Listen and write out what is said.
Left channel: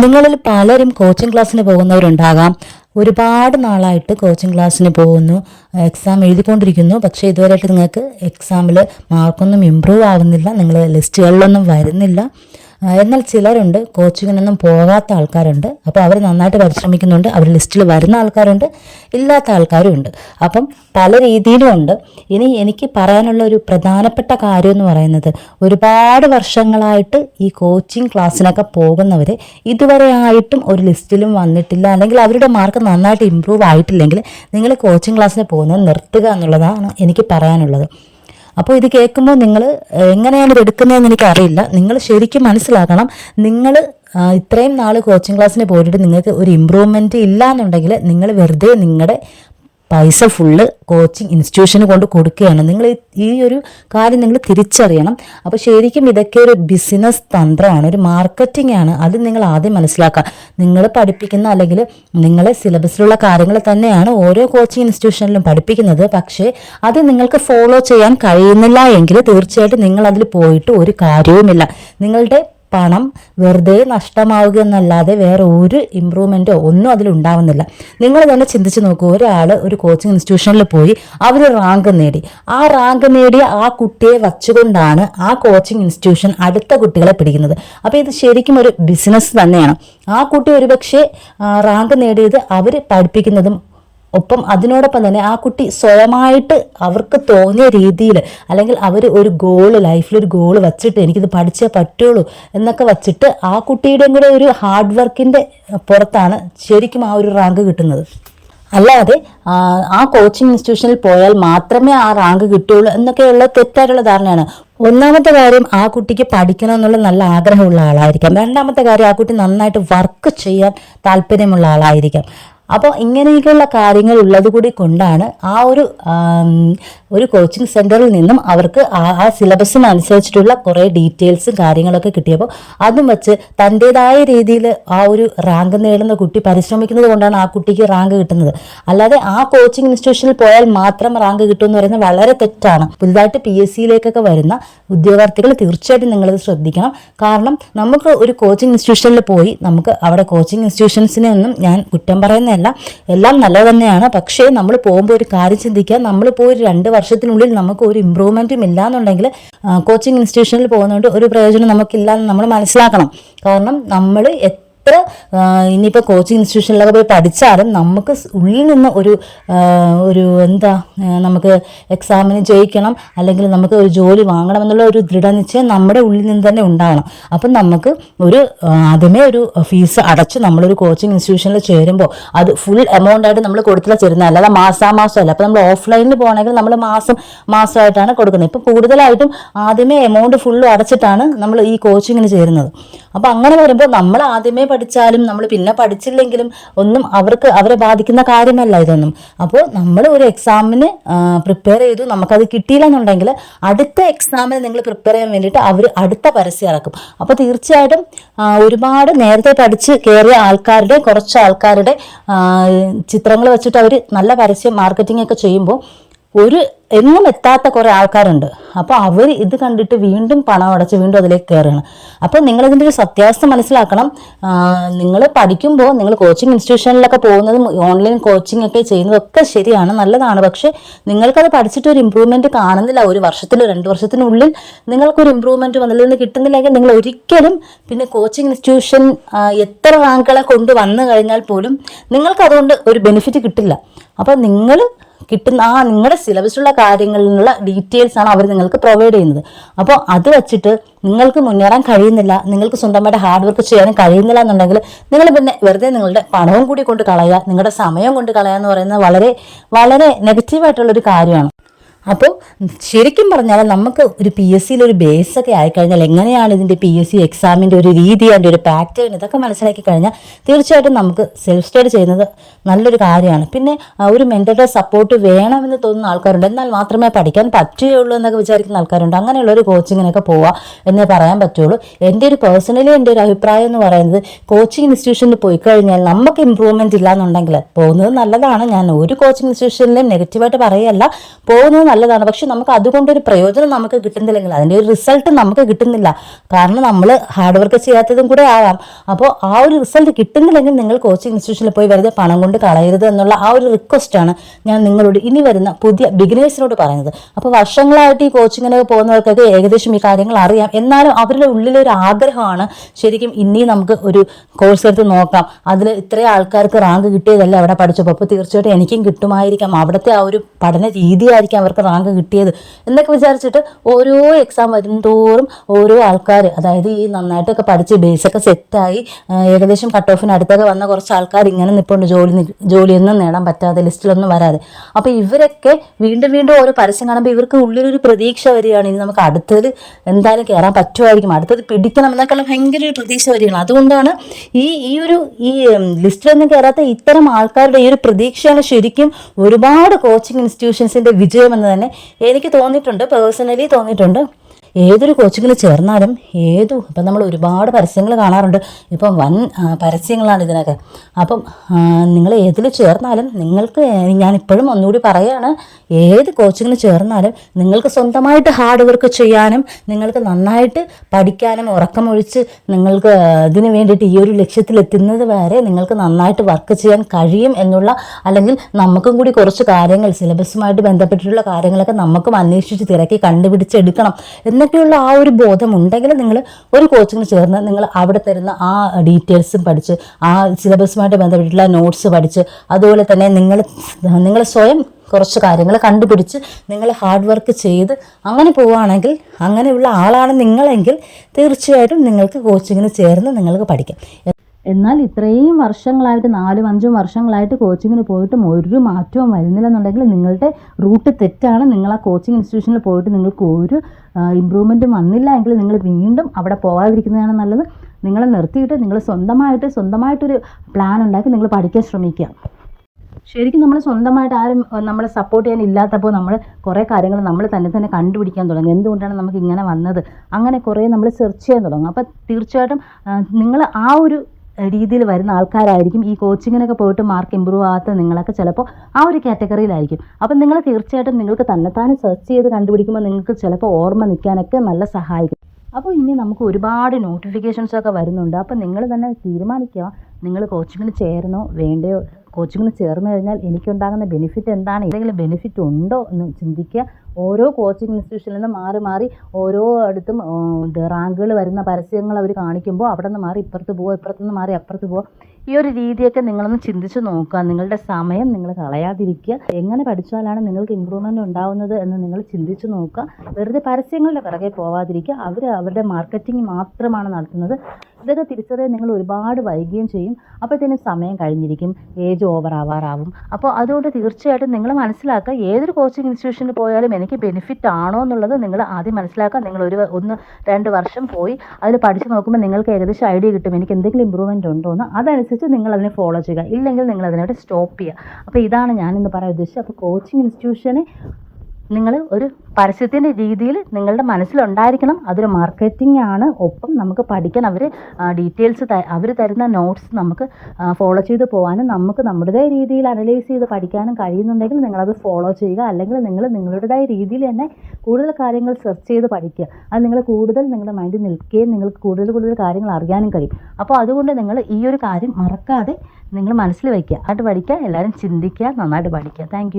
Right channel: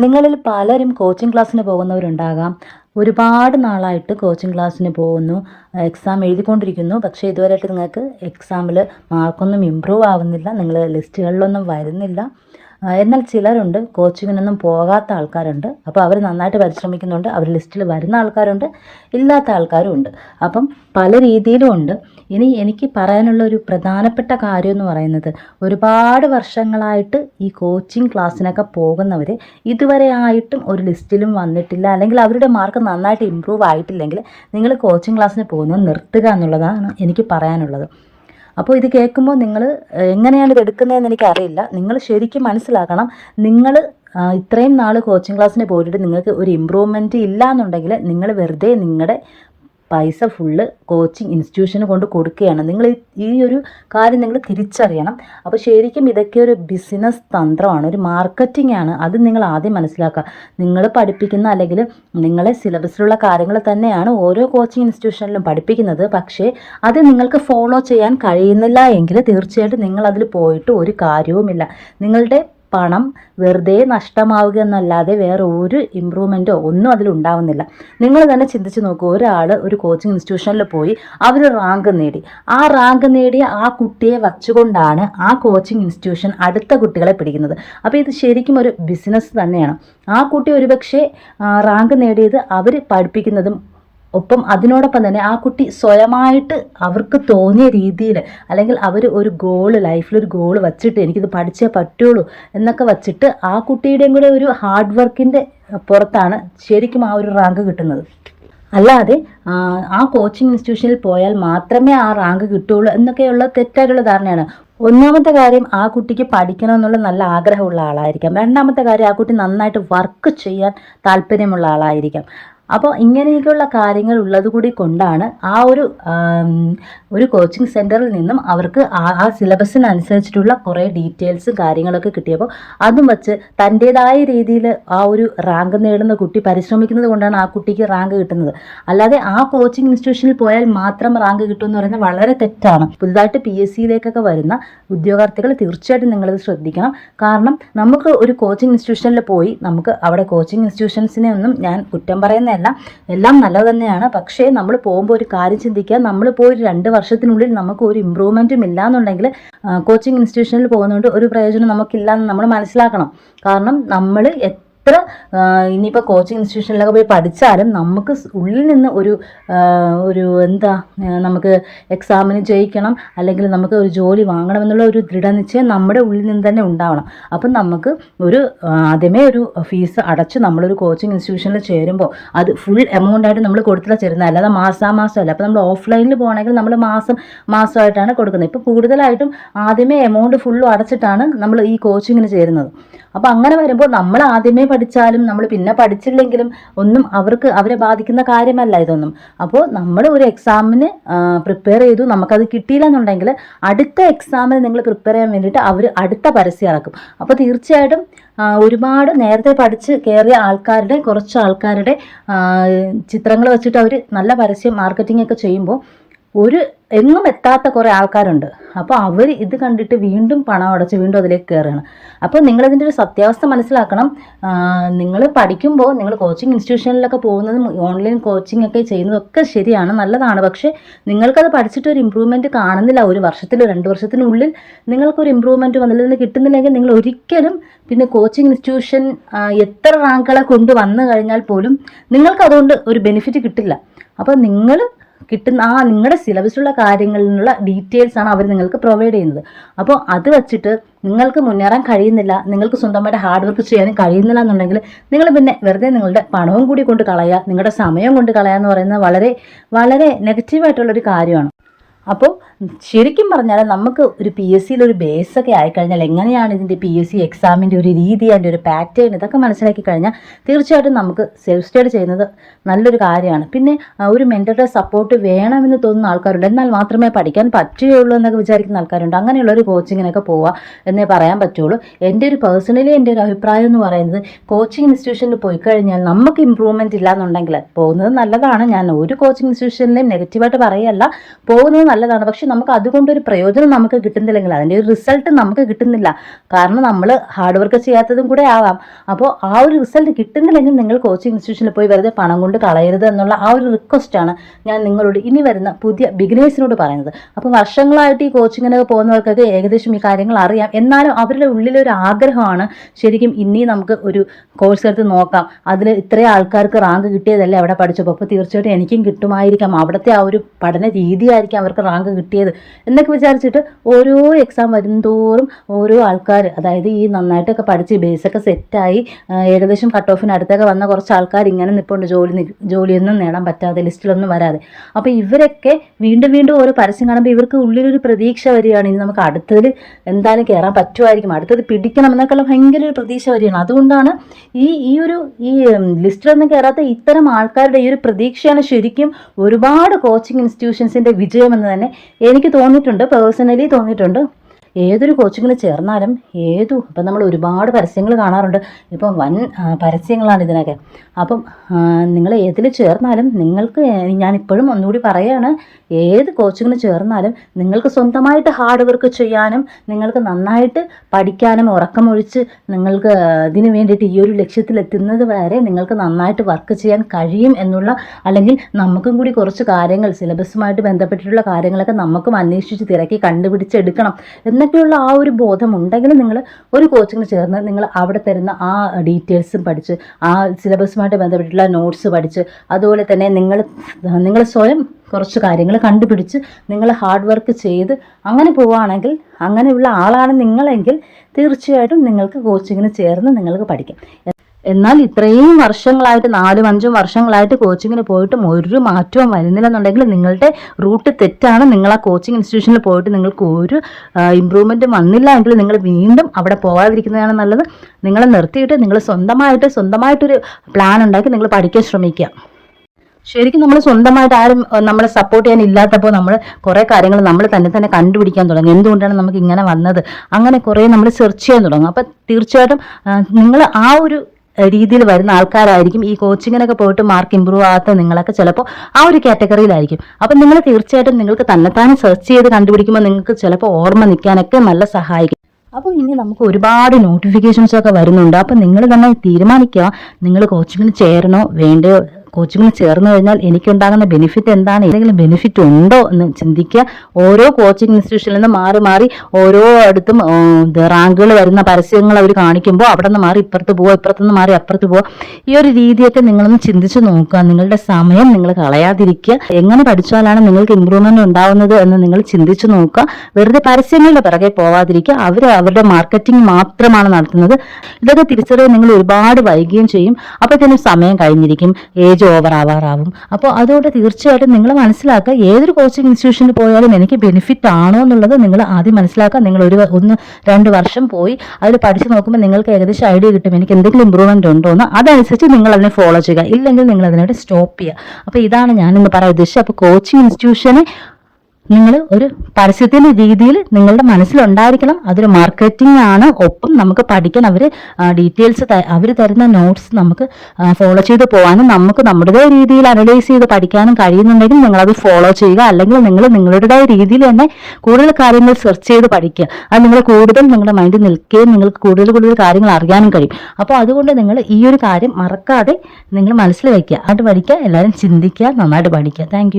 നിങ്ങളിൽ പലരും കോച്ചിങ് ക്ലാസ്സിന് പോകുന്നവരുണ്ടാകാം. ഒരുപാട് നാളായിട്ട് കോച്ചിങ് ക്ലാസ്സിന് പോകുന്നു, എക്സാം എഴുതിക്കൊണ്ടിരിക്കുന്നു. പക്ഷേ ഇതുവരെയായിട്ട് നിങ്ങൾക്ക് എക്സാമിൽ മാർക്കൊന്നും ഇമ്പ്രൂവ് ആവുന്നില്ല, നിങ്ങൾ ലിസ്റ്റുകളിലൊന്നും വരുന്നില്ല. എന്നാൽ ചിലരുണ്ട്, കോച്ചിങ്ങിനൊന്നും പോകാത്ത ആൾക്കാരുണ്ട്. അപ്പോൾ അവർ നന്നായിട്ട് പരിശ്രമിക്കുന്നുണ്ട്, അവർ ലിസ്റ്റിൽ വരുന്ന ആൾക്കാരുണ്ട്, ഇല്ലാത്ത ആൾക്കാരും ഉണ്ട്. അപ്പം പല രീതിയിലും ഉണ്ട്. ഇനി എനിക്ക് പറയാനുള്ള ഒരു പ്രധാനപ്പെട്ട കാര്യം എന്ന് പറയുന്നത്, ഒരുപാട് വർഷങ്ങളായിട്ട് ഈ കോച്ചിങ് ക്ലാസ്സിനൊക്കെ പോകുന്നവർ ഇതുവരെ ആയിട്ടും ഒരു ലിസ്റ്റിലും വന്നിട്ടില്ല, അല്ലെങ്കിൽ അവരുടെ മാർക്ക് നന്നായിട്ട് ഇമ്പ്രൂവ് ആയിട്ടില്ലെങ്കിൽ നിങ്ങൾ കോച്ചിങ് ക്ലാസ്സിന് പോകുന്നത് നിർത്തുക എന്നുള്ളതാണ് എനിക്ക് പറയാനുള്ളത്. അപ്പോൾ ഇത് കേൾക്കുമ്പോൾ നിങ്ങൾ എങ്ങനെയാണ് എടുക്കുന്നതെന്ന് എനിക്കറിയില്ല. നിങ്ങൾ ശരിക്കും മനസ്സിലാക്കണം, നിങ്ങൾ ഇത്രയും നാൾ കോച്ചിങ് ക്ലാസ്സിന് പോയിട്ട് നിങ്ങൾക്ക് ഒരു ഇമ്പ്രൂവ്മെൻറ്റ് ഇല്ല എന്നുണ്ടെങ്കിൽ നിങ്ങൾ വെറുതെ നിങ്ങളുടെ പൈസ ഫുള്ള് കോച്ചിങ് ഇൻസ്റ്റിറ്റ്യൂഷന് കൊണ്ട് കൊടുക്കുകയാണ്. നിങ്ങൾ ഈ ഒരു കാര്യം നിങ്ങൾ തിരിച്ചറിയണം. അപ്പോൾ ശരിക്കും ഇതൊക്കെ ഒരു ബിസിനസ് തന്ത്രമാണ്, ഒരു മാർക്കറ്റിംഗ് ആണ്. അത് നിങ്ങൾ ആദ്യം മനസ്സിലാക്കുക. നിങ്ങൾ പഠിപ്പിക്കുന്ന അല്ലെങ്കിൽ നിങ്ങളെ സിലബസിലുള്ള കാര്യങ്ങൾ തന്നെയാണ് ഓരോ കോച്ചിങ് ഇൻസ്റ്റിറ്റ്യൂഷനിലും പഠിപ്പിക്കുന്നത്. പക്ഷേ അത് നിങ്ങൾക്ക് ഫോളോ ചെയ്യാൻ കഴിയുന്നില്ല എങ്കിൽ തീർച്ചയായിട്ടും നിങ്ങൾ അതിൽ പോയിട്ട് ഒരു കാര്യവുമില്ല. നിങ്ങളുടെ പണം വെറുതെ നഷ്ടമാവുക എന്നല്ലാതെ വേറെ ഒരു ഇമ്പ്രൂവ്മെൻറ്റോ ഒന്നും അതിലുണ്ടാവുന്നില്ല. നിങ്ങൾ തന്നെ ചിന്തിച്ച് നോക്കൂ, ഒരാൾ ഒരു കോച്ചിങ് ഇൻസ്റ്റിറ്റ്യൂഷനിൽ പോയി അവർ റാങ്ക് നേടി, ആ റാങ്ക് നേടിയ ആ കുട്ടിയെ വച്ചുകൊണ്ടാണ് ആ കോച്ചിങ് ഇൻസ്റ്റിറ്റ്യൂഷൻ അടുത്ത കുട്ടികളെ പിടിക്കുന്നത്. അപ്പോൾ ഇത് ശരിക്കും ഒരു ബിസിനസ് തന്നെയാണ്. ആ കുട്ടി ഒരുപക്ഷെ റാങ്ക് നേടിയത് അവർ പഠിപ്പിക്കുന്നതും ഒപ്പം അതിനോടൊപ്പം തന്നെ ആ കുട്ടി സ്വയമായിട്ട് അവർക്ക് തോന്നിയ രീതിയിൽ, അല്ലെങ്കിൽ അവർ ഒരു ഗോള്, ലൈഫിലൊരു ഗോള് വച്ചിട്ട് എനിക്കിത് പഠിച്ചേ പറ്റുള്ളൂ എന്നൊക്കെ വച്ചിട്ട് ആ കുട്ടിയുടെയും കൂടെ ഒരു ഹാർഡ് വർക്കിൻ്റെ പുറത്താണ് ശരിക്കും ആ ഒരു റാങ്ക് കിട്ടുന്നത്. അല്ലാതെ ആ കോച്ചിങ് ഇൻസ്റ്റിറ്റ്യൂഷനിൽ പോയാൽ മാത്രമേ ആ റാങ്ക് കിട്ടുള്ളൂ എന്നൊക്കെയുള്ള തെറ്റായിട്ടുള്ള ധാരണയാണ്. ഒന്നാമത്തെ കാര്യം, ആ കുട്ടിക്ക് പഠിക്കണം എന്നുള്ള നല്ല ആഗ്രഹമുള്ള ആളായിരിക്കാം. രണ്ടാമത്തെ കാര്യം, ആ കുട്ടി നന്നായിട്ട് വർക്ക് ചെയ്യാൻ താല്പര്യമുള്ള ആളായിരിക്കാം. അപ്പോൾ ഇങ്ങനെയൊക്കെയുള്ള കാര്യങ്ങൾ ഉള്ളത് കൂടി കൊണ്ടാണ് ആ ഒരു കോച്ചിങ് സെൻറ്ററിൽ നിന്നും അവർക്ക് ആ സിലബസിനനുസരിച്ചിട്ടുള്ള കുറേ ഡീറ്റെയിൽസും കാര്യങ്ങളൊക്കെ കിട്ടിയപ്പോൾ അതും വെച്ച് തൻ്റേതായ രീതിയിൽ ആ ഒരു റാങ്ക് നേടുന്ന കുട്ടി പരിശ്രമിക്കുന്നത് കൊണ്ടാണ് ആ കുട്ടിക്ക് റാങ്ക് കിട്ടുന്നത്. അല്ലാതെ ആ കോച്ചിങ് ഇൻസ്റ്റിറ്റ്യൂഷനിൽ പോയാൽ മാത്രം റാങ്ക് കിട്ടുമെന്ന് പറയുന്നത് വളരെ തെറ്റാണ്. പുതുതായിട്ട് PSCയിലേക്കൊക്കെ വരുന്ന ഉദ്യോഗാർത്ഥികൾ തീർച്ചയായിട്ടും നിങ്ങളിത് ശ്രദ്ധിക്കണം. കാരണം നമുക്ക് ഒരു കോച്ചിങ് ഇൻസ്റ്റിറ്റ്യൂഷനിൽ പോയി നമുക്ക് അവിടെ കോച്ചിങ് ഇൻസ്റ്റിറ്റ്യൂഷൻസിനെ ഒന്നും ഞാൻ കുറ്റം പറയുന്ന എല്ലാം നല്ല തന്നെയാണ്. പക്ഷേ നമ്മൾ പോകുമ്പോൾ ഒരു കാര്യം ചിന്തിക്കുക, നമ്മൾ പോയി 2 വർഷത്തിനുള്ളിൽ നമുക്ക് ഒരു ഇമ്പ്രൂവ്മെൻറ്റും ഇല്ല എന്നുണ്ടെങ്കിൽ കോച്ചിങ് ഇൻസ്റ്റിറ്റ്യൂഷനിൽ പോകുന്നതുകൊണ്ട് ഒരു പ്രയോജനം നമുക്കില്ല എന്ന് നമ്മൾ മനസ്സിലാക്കണം. കാരണം നമ്മൾ ഇനിയിപ്പോൾ കോച്ചിങ് ഇൻസ്റ്റിറ്റ്യൂഷനിലൊക്കെ പോയി പഠിച്ചാലും നമുക്ക് ഉള്ളിൽ നിന്ന് നമുക്ക് എക്സാമിന് ജയിക്കണം, അല്ലെങ്കിൽ നമുക്ക് ഒരു ജോലി വാങ്ങണം എന്നുള്ള ഒരു ദൃഢനിശ്ചയം നമ്മുടെ ഉള്ളിൽ നിന്ന് തന്നെ ഉണ്ടാകണം. അപ്പം നമുക്ക് ആദ്യമേ ഒരു ഫീസ് അടച്ച് നമ്മളൊരു കോച്ചിങ് ഇൻസ്റ്റിറ്റ്യൂഷനിൽ ചേരുമ്പോൾ അത് ഫുൾ എമൗണ്ട് ആയിട്ട് നമ്മൾ കൊടുത്തില്ല ചേരുന്നത്, അല്ലാതെ മാസാമാസമല്ല. അപ്പോൾ നമ്മൾ ഓഫ്ലൈനിൽ പോകണമെങ്കിൽ നമ്മൾ മാസമായിട്ടാണ് കൊടുക്കുന്നത്. ഇപ്പോൾ കൂടുതലായിട്ടും ആദ്യമേ എമൗണ്ട് ഫുള്ളും അടച്ചിട്ടാണ് നമ്മൾ ഈ കോച്ചിങ്ങിന് ചേരുന്നത്. അപ്പോൾ അങ്ങനെ വരുമ്പോൾ നമ്മൾ ആദ്യമേ പഠിച്ചാലും നമ്മൾ പിന്നെ പഠിച്ചില്ലെങ്കിലും ഒന്നും അവരെ ബാധിക്കുന്ന കാര്യമല്ല ഇതൊന്നും. അപ്പോൾ നമ്മൾ ഒരു എക്സാമിന് പ്രിപ്പയർ ചെയ്തു, നമുക്കത് കിട്ടിയില്ല എന്നുണ്ടെങ്കിൽ അടുത്ത എക്സാമിന് നിങ്ങൾ പ്രിപ്പയർ ചെയ്യാൻ വേണ്ടിയിട്ട് അവർ അടുത്ത പരസ്യം ഇറക്കും. അപ്പോൾ തീർച്ചയായിട്ടും ഒരുപാട് നേരത്തെ പഠിച്ച് കയറിയ ആൾക്കാരുടെ കുറച്ച് ആൾക്കാരുടെ ചിത്രങ്ങൾ വെച്ചിട്ട് അവർ നല്ല പരസ്യം മാർക്കറ്റിംഗ് ഒക്കെ ചെയ്യുമ്പോൾ എങ്ങും എത്താത്ത കുറേ ആൾക്കാരുണ്ട്. അപ്പോൾ അവർ ഇത് കണ്ടിട്ട് വീണ്ടും പണം അടച്ച് വീണ്ടും അതിലേക്ക് കയറുകയാണ്. അപ്പോൾ നിങ്ങളിതിൻ്റെ ഒരു സത്യാവസ്ഥ മനസ്സിലാക്കണം. നിങ്ങൾ പഠിക്കുമ്പോൾ നിങ്ങൾ കോച്ചിങ് ഇൻസ്റ്റിറ്റ്യൂഷനിലൊക്കെ പോകുന്നതും ഓൺലൈൻ കോച്ചിങ് ഒക്കെ ചെയ്യുന്നതൊക്കെ ശരിയാണ്, നല്ലതാണ്. പക്ഷേ നിങ്ങൾക്കത് പഠിച്ചിട്ട് ഒരു ഇമ്പ്രൂവ്മെൻറ്റ് കാണുന്നില്ല, 1 വർഷത്തിൽ 2 വർഷത്തിനുള്ളിൽ നിങ്ങൾക്കൊരു ഇമ്പ്രൂവ്മെൻറ്റ് വന്നില്ലെന്ന് കിട്ടുന്നില്ലെങ്കിൽ നിങ്ങൾ ഒരിക്കലും പിന്നെ കോച്ചിങ് ഇൻസ്റ്റിറ്റ്യൂഷൻ എത്ര റാങ്കുകളെ കൊണ്ട് വന്നു കഴിഞ്ഞാൽ പോലും നിങ്ങൾക്കതുകൊണ്ട് ഒരു ബെനിഫിറ്റ് കിട്ടില്ല. അപ്പോൾ നിങ്ങൾ കിട്ടുന്ന നിങ്ങളുടെ സിലബസിലുള്ള കാര്യങ്ങളിൽ നിന്നുള്ള ഡീറ്റെയിൽസ് ആണ് അവർ നിങ്ങൾക്ക് പ്രൊവൈഡ് ചെയ്യുന്നത്. അപ്പോൾ അത് വെച്ചിട്ട് നിങ്ങൾക്ക് മുന്നേറാൻ കഴിയുന്നില്ല, നിങ്ങൾക്ക് സ്വന്തമായിട്ട് ഹാർഡ് വർക്ക് ചെയ്യാനും കഴിയുന്നില്ല എന്നുണ്ടെങ്കിൽ നിങ്ങൾ പിന്നെ വെറുതെ നിങ്ങളുടെ പണവും കൂടി കൊണ്ട് കളയുക, നിങ്ങളുടെ സമയം കൊണ്ട് കളയുക എന്ന് പറയുന്നത് വളരെ വളരെ നെഗറ്റീവായിട്ടുള്ളൊരു കാര്യമാണ്. അപ്പോൾ ശരിക്കും പറഞ്ഞാൽ നമുക്ക് ഒരു PSCയിൽ ഒരു ബേസൊക്കെ ആയിക്കഴിഞ്ഞാൽ എങ്ങനെയാണ് ഇതിൻ്റെ PSC എക്സാമിൻ്റെ ഒരു രീതി, അതിൻ്റെ ഒരു പാറ്റേൺ ഇതൊക്കെ മനസ്സിലാക്കി കഴിഞ്ഞാൽ തീർച്ചയായിട്ടും നമുക്ക് സെൽഫ് സ്റ്റഡി ചെയ്യുന്നത് നല്ലൊരു കാര്യമാണ്. പിന്നെ ഒരു മെൻ്ററുടെ സപ്പോർട്ട് വേണമെന്ന് തോന്നുന്ന ആൾക്കാരുണ്ട്, എന്നാൽ മാത്രമേ പഠിക്കാൻ പറ്റുകയുള്ളൂ എന്നൊക്കെ വിചാരിക്കുന്ന ആൾക്കാരുണ്ട്. അങ്ങനെയുള്ളൊരു കോച്ചിങ്ങിനൊക്കെ പോവുക എന്നേ പറയാൻ പറ്റുള്ളൂ. എൻ്റെ ഒരു അഭിപ്രായം എന്ന് പറയുന്നത്, കോച്ചിങ് ഇൻസ്റ്റിറ്റ്യൂഷനിൽ പോയി കഴിഞ്ഞാൽ നമുക്ക് ഇമ്പ്രൂവ്മെൻറ്റ് ഇല്ല എന്നുണ്ടെങ്കിൽ പോകുന്നത് നല്ലതാണ്. ഞാൻ ഒരു കോച്ചിങ് ഇൻസ്റ്റിറ്റ്യൂഷനിലും നെഗറ്റീവായിട്ട് പറയുകയല്ല, പോകുന്നത് നല്ലതാണ്. പക്ഷെ നമുക്ക് അതുകൊണ്ടൊരു പ്രയോജനം നമുക്ക് കിട്ടുന്നില്ലെങ്കിൽ, അതിൻ്റെ ഒരു റിസൾട്ട് നമുക്ക് കിട്ടുന്നില്ല. കാരണം നമ്മൾ ഹാർഡ് വർക്ക് ചെയ്യാത്തതും കൂടെ ആകാം. അപ്പോൾ ആ ഒരു റിസൾട്ട് കിട്ടുന്നില്ലെങ്കിൽ നിങ്ങൾ കോച്ചിങ് ഇൻസ്റ്റിറ്റ്യൂഷനിൽ പോയി വെറുതെ പണം കൊണ്ട് കളയരുത് എന്നുള്ള ആ ഒരു റിക്വസ്റ്റാണ് ഞാൻ നിങ്ങളോട് ഇനി വരുന്ന പുതിയ ബിഗിനേഴ്സിനോട് പറയുന്നത്. അപ്പോൾ വർഷങ്ങളായിട്ട് ഈ കോച്ചിങ്ങിന് പോകുന്നവർക്കൊക്കെ ഏകദേശം ഈ കാര്യങ്ങൾ അറിയാം. എന്നാലും അവരുടെ ഉള്ളിലൊരു ആഗ്രഹമാണ് ശരിക്കും ഇനി നമുക്ക് ഒരു കോഴ്സ് എടുത്ത് നോക്കാം, അതിൽ ഇത്രയും ആൾക്കാർക്ക് റാങ്ക് കിട്ടിയതല്ല അവിടെ പഠിച്ചപ്പോൾ, അപ്പോൾ തീർച്ചയായിട്ടും എനിക്കും കിട്ടുമായിരിക്കാം, അവിടുത്തെ ആ ഒരു പഠന രീതിയായിരിക്കും അവർക്ക് റാങ്ക് കിട്ടിയത് എന്നൊക്കെ വിചാരിച്ചിട്ട് ഓരോ എക്സാം വരുംതോറും ഓരോ ആൾക്കാർ, അതായത് ഈ നന്നായിട്ടൊക്കെ പഠിച്ച് ബേസൊക്കെ സെറ്റായി ഏകദേശം കട്ട് ഓഫിന് അടുത്തൊക്കെ വന്ന കുറച്ച് ആൾക്കാർ ഇങ്ങനെ നിൽപ്പുണ്ട്, ജോലിയൊന്നും നേടാൻ പറ്റാതെ, ലിസ്റ്റിലൊന്നും വരാതെ. അപ്പോൾ ഇവരൊക്കെ വീണ്ടും വീണ്ടും ഓരോ പരസ്യം കാണുമ്പോൾ ഇവർക്ക് ഉള്ളിലൊരു പ്രതീക്ഷ വരികയാണ്, ഇനി നമുക്ക് അടുത്തതിൽ എന്തായാലും കയറാൻ പറ്റുമായിരിക്കും, അടുത്തത് പിടിക്കണം എന്നൊക്കെയുള്ള ഭയങ്കര ഒരു പ്രതീക്ഷ വരികയാണ്. അതുകൊണ്ടാണ് ഈ ലിസ്റ്റിലൊന്നും കയറാത്ത ഇത്തരം ആൾക്കാരുടെ ഈ ഒരു പ്രതീക്ഷയാണ് ശരിക്കും ഒരുപാട് കോച്ചിങ് ഇൻസ്റ്റിറ്റ്യൂഷൻസിൻ്റെ വിജയം എന്ന് തന്നെ എനിക്ക് തോന്നിയിട്ടുണ്ട്, പേഴ്സണലി തോന്നിയിട്ടുണ്ട്. ഏതൊരു കോച്ചിങ്ങിന് ചേർന്നാലും ഇപ്പം നമ്മൾ ഒരുപാട് പരസ്യങ്ങൾ കാണാറുണ്ട്, ഇപ്പം വൻ പരസ്യങ്ങളാണ് ഇതിനൊക്കെ. അപ്പം നിങ്ങൾ ഏതിൽ ചേർന്നാലും നിങ്ങൾക്ക്, ഞാനിപ്പോഴും ഒന്നുകൂടി പറയുകയാണ്, ഏത് കോച്ചിങ്ങിന് ചേർന്നാലും നിങ്ങൾക്ക് സ്വന്തമായിട്ട് ഹാർഡ് വർക്ക് ചെയ്യാനും നിങ്ങൾക്ക് നന്നായിട്ട് പഠിക്കാനും ഉറക്കമൊഴിച്ച് നിങ്ങൾക്ക് ഇതിന് വേണ്ടിയിട്ട് ഈ ഒരു ലക്ഷ്യത്തിലെത്തുന്നത് വരെ നിങ്ങൾക്ക് നന്നായിട്ട് വർക്ക് ചെയ്യാൻ കഴിയും എന്നുള്ള, അല്ലെങ്കിൽ നമുക്കും കൂടി കുറച്ച് കാര്യങ്ങൾ സിലബസുമായിട്ട് ബന്ധപ്പെട്ടിട്ടുള്ള കാര്യങ്ങളൊക്കെ നമുക്കും അന്വേഷിച്ച് തിരക്കി കണ്ടുപിടിച്ചെടുക്കണം എന്നൊക്കെയുള്ള ആ ഒരു ബോധം ഉണ്ടെങ്കിൽ നിങ്ങൾ ഒരു കോച്ചിങ്ങിന് ചേർന്ന് നിങ്ങൾ അവിടെ തരുന്ന ആ ഡീറ്റെയിൽസും പഠിച്ച് ആ സിലബസുമായിട്ട് ബന്ധപ്പെട്ടിട്ടുള്ള നോട്ട്സ് പഠിച്ച് അതുപോലെ തന്നെ നിങ്ങൾ സ്വയം കുറച്ച് കാര്യങ്ങൾ കണ്ടുപിടിച്ച് നിങ്ങൾ ഹാർഡ് വർക്ക് ചെയ്ത് അങ്ങനെ പോവുകയാണെങ്കിൽ, അങ്ങനെയുള്ള ആളാണ് നിങ്ങളെങ്കിൽ തീർച്ചയായിട്ടും നിങ്ങൾക്ക് കോച്ചിങ്ങിന് ചേർന്ന് നിങ്ങൾക്ക് പഠിക്കാം. എന്നാൽ ഇത്രയും വർഷങ്ങളായിട്ട് 4-5 വർഷങ്ങളായിട്ട് കോച്ചിങ്ങിന് പോയിട്ടും ഒരു മാറ്റവും വരുന്നില്ലെന്നുണ്ടെങ്കിൽ നിങ്ങളുടെ റൂട്ട് തെറ്റാണ്. നിങ്ങൾ ആ കോച്ചിങ് ഇൻസ്റ്റിറ്റ്യൂഷനിൽ പോയിട്ട് നിങ്ങൾക്ക് ഒരു ഇമ്പ്രൂവ്മെൻറ്റും വന്നില്ല എങ്കിൽ നിങ്ങൾ വീണ്ടും അവിടെ പോകാതിരിക്കുന്നതാണ് നല്ലത്. നിങ്ങളെ നിർത്തിയിട്ട് നിങ്ങൾ സ്വന്തമായിട്ടൊരു പ്ലാൻ ഉണ്ടാക്കി നിങ്ങൾ പഠിക്കാൻ ശ്രമിക്കുക. ശരിക്കും നമ്മൾ സ്വന്തമായിട്ട് ആരും നമ്മളെ സപ്പോർട്ട് ചെയ്യാൻ ഇല്ലാത്തപ്പോൾ നമ്മൾ കുറേ കാര്യങ്ങൾ നമ്മൾ തന്നെ കണ്ടുപിടിക്കാൻ തുടങ്ങും, എന്തുകൊണ്ടാണ് നമുക്ക് ഇങ്ങനെ വന്നത്, അങ്ങനെ കുറേ നമ്മൾ സെർച്ച് ചെയ്യാൻ തുടങ്ങും. അപ്പോൾ തീർച്ചയായിട്ടും നിങ്ങൾ ആ ഒരു രീതിയിൽ വരുന്ന ആൾക്കാരായിരിക്കും ഈ കോച്ചിങ്ങിനൊക്കെ പോയിട്ട് മാർക്ക് ഇമ്പ്രൂവ് ആകാത്ത നിങ്ങളൊക്കെ ചിലപ്പോൾ ആ ഒരു കാറ്റഗറിയിലായിരിക്കും. അപ്പം നിങ്ങൾ തീർച്ചയായിട്ടും നിങ്ങൾക്ക് തന്നെത്താനെ സെർച്ച് ചെയ്ത് കണ്ടുപിടിക്കുമ്പോൾ നിങ്ങൾക്ക് ചിലപ്പോൾ ഓർമ്മ നിൽക്കാനൊക്കെ നല്ല സഹായിക്കും. അപ്പോൾ ഇനി നമുക്ക് ഒരുപാട് നോട്ടിഫിക്കേഷൻസ് ഒക്കെ വരുന്നുണ്ട്. അപ്പോൾ നിങ്ങൾ തന്നെ തീരുമാനിക്കുക, നിങ്ങൾ കോച്ചിങ്ങിന് ചേരണോ വേണ്ടയോ, കോച്ചിങ്ങിന് ചേർന്ന് കഴിഞ്ഞാൽ എനിക്കുണ്ടാകുന്ന ബെനിഫിറ്റ് എന്താണ്, ഏതെങ്കിലും ബെനിഫിറ്റ് ഉണ്ടോ എന്ന് ചിന്തിക്കുക. ഓരോ കോച്ചിങ് ഇൻസ്റ്റിറ്റ്യൂഷനിൽ നിന്ന് മാറി ഓരോ അടുത്തും റാങ്കുകൾ വരുന്ന പരസ്യങ്ങൾ അവർ കാണിക്കുമ്പോൾ അവിടെ നിന്ന് മാറി ഇപ്പുറത്ത് പോവുക, ഇപ്പുറത്തുനിന്ന് മാറി അപ്പുറത്ത് പോവുക, ഈ ഒരു രീതിയൊക്കെ നിങ്ങളൊന്ന് ചിന്തിച്ച് നോക്കുക. നിങ്ങളുടെ സമയം നിങ്ങൾ കളയാതിരിക്കുക. എങ്ങനെ പഠിച്ചാലാണ് നിങ്ങൾക്ക് ഇമ്പ്രൂവ്മെന്റ് ഉണ്ടാവുന്നത് എന്ന് നിങ്ങൾ ചിന്തിച്ച് നോക്കുക. വെറുതെ പരസ്യങ്ങളുടെ പിറകെ പോവാതിരിക്കുക. അവരുടെ മാർക്കറ്റിംഗ് മാത്രമാണ് നടത്തുന്നത്. ഇതൊക്കെ തിരിച്ചറിയാൻ നിങ്ങൾ ഒരുപാട് വൈകുകയും ചെയ്യും. അപ്പോഴത്തേനും സമയം കഴിഞ്ഞിരിക്കും, ഏജ് ഓവർ ആവാറാവും. അപ്പോൾ അതുകൊണ്ട് തീർച്ചയായിട്ടും നിങ്ങൾ മനസ്സിലാക്കുക, ഏതൊരു കോച്ചിങ് ഇൻസ്റ്റിറ്റ്യൂഷനിൽ പോയാലും എനിക്ക് ബെനിഫിറ്റ് ആണോ എന്നുള്ളത് നിങ്ങൾ ആദ്യം മനസ്സിലാക്കുക. നിങ്ങൾ 1-2 വർഷം പോയി അതിൽ പഠിച്ച് നോക്കുമ്പോൾ നിങ്ങൾക്ക് ഏകദേശം ഐഡിയ കിട്ടും എനിക്ക് എന്തെങ്കിലും ഇമ്പ്രൂവ്മെന്റ് ഉണ്ടോ എന്ന്. അതനുസരിച്ച് നിങ്ങൾ അതിനെ ഫോളോ ചെയ്യുക, ഇല്ലെങ്കിൽ നിങ്ങൾ അതിനായിട്ട് സ്റ്റോപ്പ് ചെയ്യുക. അപ്പോൾ ഇതാണ് ഞാനിന്ന് പറയാൻ ഉദ്ദേശിച്ചത്. അപ്പോൾ കോച്ചിങ് ഇൻസ്റ്റിറ്റ്യൂഷന് നിങ്ങൾ ഒരു പരസ്യത്തിൻ്റെ രീതിയിൽ നിങ്ങളുടെ മനസ്സിലുണ്ടായിരിക്കണം, അതൊരു മാർക്കറ്റിംഗ് ആണ്. ഒപ്പം നമുക്ക് പഠിക്കാൻ ഡീറ്റെയിൽസ് അവർ തരുന്ന നോട്ട്സ് നമുക്ക് ഫോളോ ചെയ്ത് പോകാനും നമുക്ക് നമ്മുടേതായ രീതിയിൽ അനലൈസ് ചെയ്ത് പഠിക്കാനും കഴിയുന്നുണ്ടെങ്കിൽ നിങ്ങളത് ഫോളോ ചെയ്യുക. അല്ലെങ്കിൽ നിങ്ങൾ നിങ്ങളുടേതായ രീതിയിൽ തന്നെ കൂടുതൽ കാര്യങ്ങൾ സെർച്ച് ചെയ്ത് പഠിക്കുക. അത് നിങ്ങൾ കൂടുതൽ നിങ്ങളുടെ മൈൻഡിൽ നിൽക്കുകയും നിങ്ങൾക്ക് കൂടുതൽ കാര്യങ്ങൾ അറിയാനും കഴിയും. അപ്പോൾ അതുകൊണ്ട് നിങ്ങൾ ഈ ഒരു കാര്യം മറക്കാതെ നിങ്ങൾ മനസ്സിൽ വയ്ക്കുക, അത് പഠിക്കുക, എല്ലാവരും ചിന്തിക്കുക, നന്നായിട്ട് പഠിക്കുക. താങ്ക്